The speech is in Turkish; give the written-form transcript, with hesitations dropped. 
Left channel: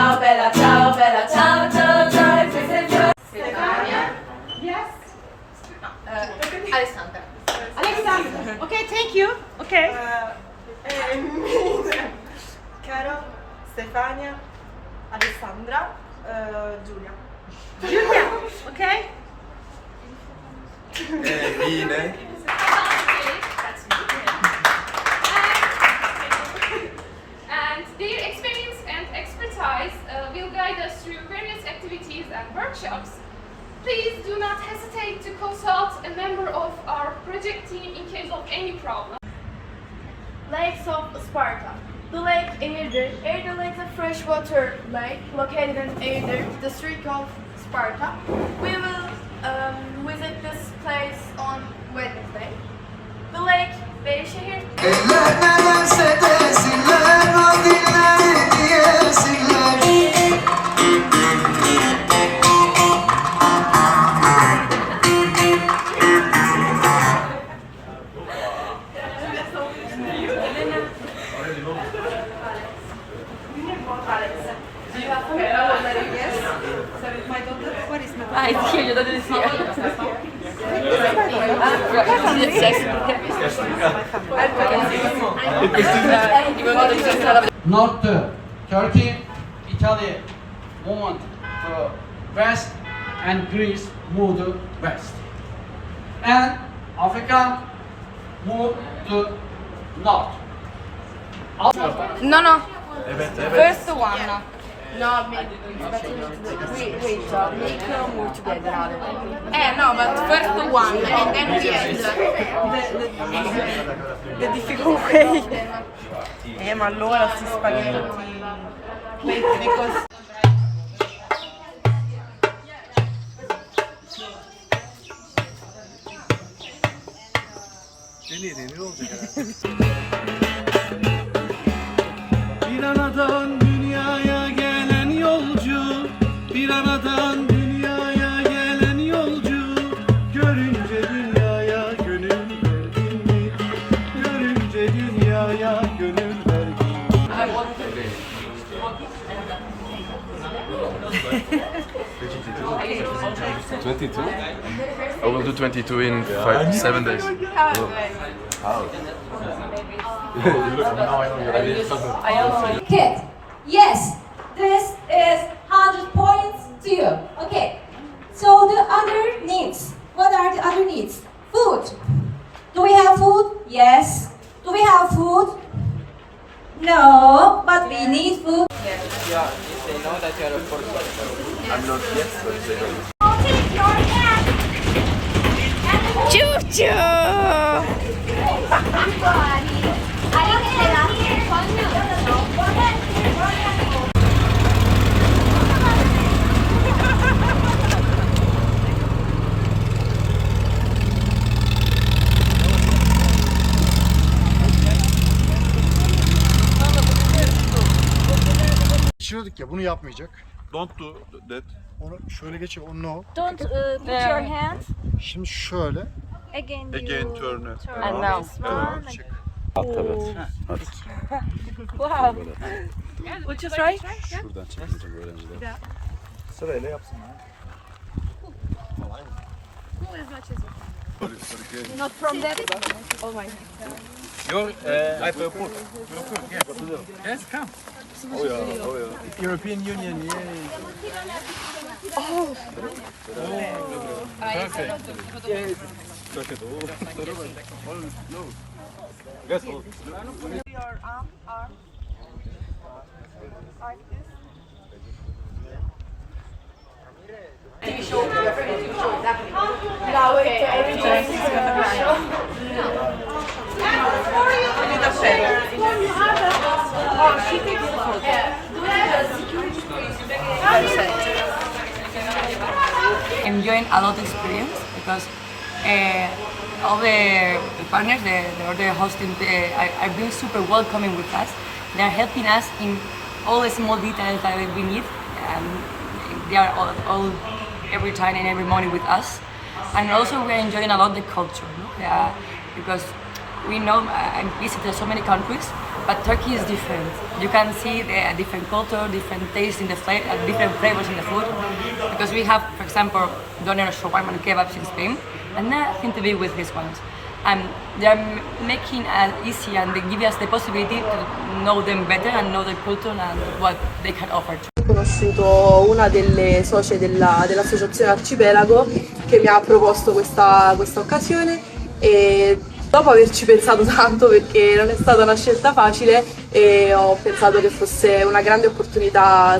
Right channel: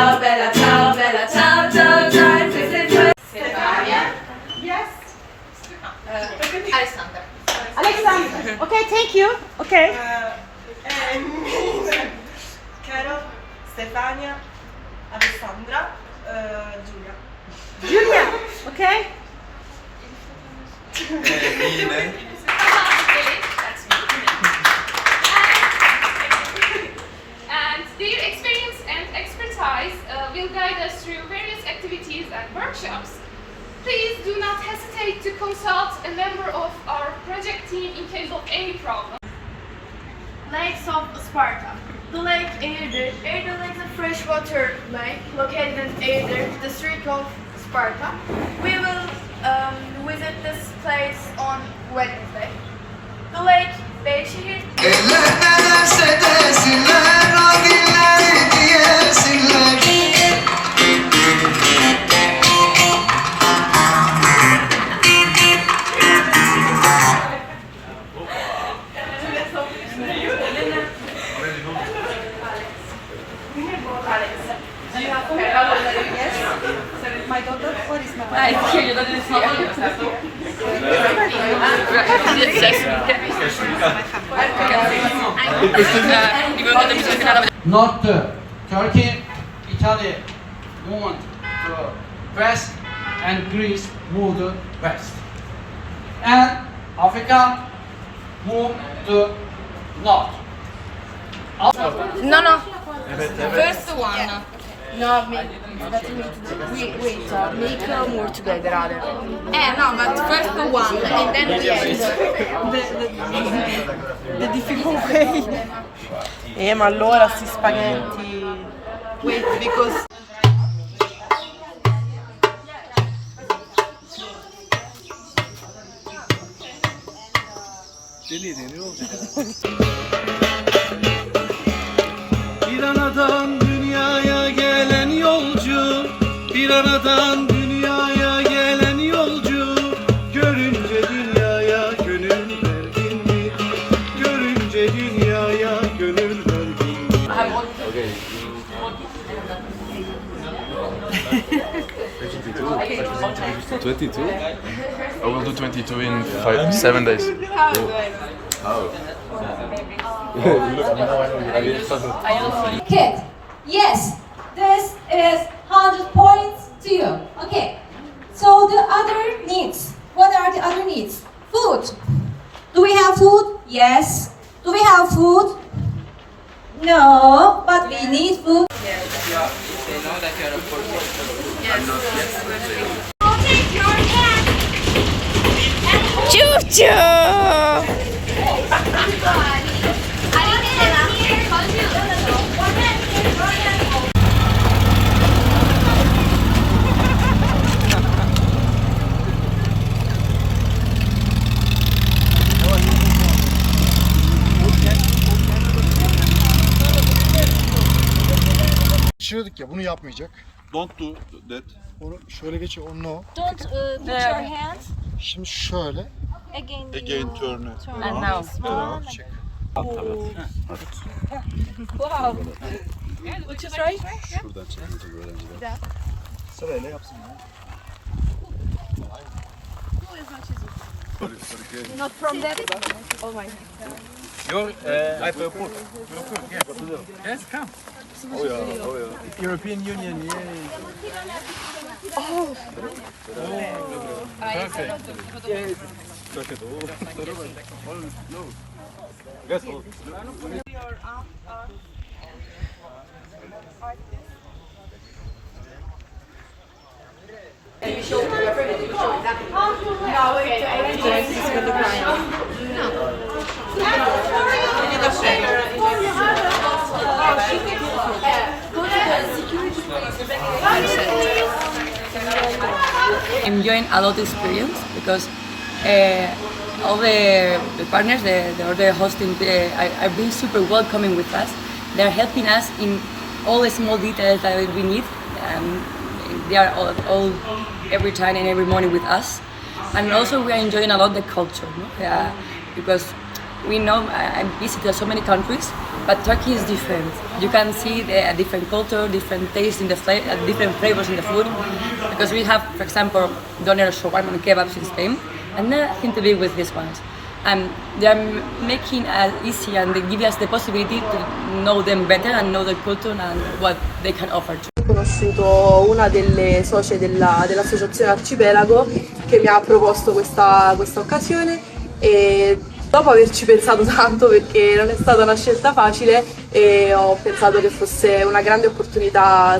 ciao, bella, ciao, bella, ciao, ciao, ciao. Stefania. Yes. Alexander. Alexander. Okay, thank you. Okay. Carol, Stefania, Alessandra, Giulia. Julia. Okay. Yine. And their experience and expertise will guide us through various activities and workshops. Please do not hesitate to consult a member of our project team in case of any problem. Lakes of Sparta. The lake Eğirdir. Eğirdir Lake is a freshwater lake located in Eğirdir, district of Sparta. We will visit this place on Wednesday. The lake Değişimleri. Eller ne derse desinler, o dilleri diyesinler. Yes. My daughter, what is my daughter? It's here, your daughter is here. North, Turkey, Italy moved to west, and Greece moved west. And Africa moved to north. No. Evet, First one. No, better wait. Make more together, rather. No, but first the one, and then we end. The difficult way. Ma allora sti spaghetti. Wait, because Bir anadan dünyaya gelen yolcu, bir anadan dünyaya gelen yolcu. Görünce dünyaya gönül verdin mi? Görünce dünyaya gönül verdin mi? 22? I will do 22 in 7 days. How? Kid, yes, this is 100 points to you. Okay, so the other needs. What are the other needs? Food. Do we have food? Yes. Do we have food? No, but we need food. They know that you're a Take your hand. Choo-choo! Geçiriyorduk ya, bunu yapmayacak. Don't do that. Onu şöyle geçiyor, onu no. Don't put your hands Şimdi şöyle. again. Again turn it. And now. Çek. what you say? Şuradan çekilecek öğrenciler. Sırayla yapsın ya. Not from that. Oh my. I feel put. Yes, come. Oh yeah. European Union, yay. Perfect. Look at all. No. Yes. Your arm. Enjoying a lot of experience because all the partners, the other hosting, are being super welcoming with us. They're helping us in all the small details that we need. They are all every time and every morning with us. And also we are enjoying a lot the culture, no? Yeah, because we know I visited so many countries, but Turkey is different. You can see a different culture, different taste in the different flavors in the food. Because we have, for example, doner, shawarma, and kebabs in Spain, and nothing to do with these ones. And they are making it easy, and they give us the possibility to know them better and know their culture and what they can offer. Ho conosciuto una delle socie dell'associazione Arcipelago che mi ha proposto questa occasione e dopo averci pensato tanto, perché non è stata una scelta facile, e ho pensato che fosse una grande opportunità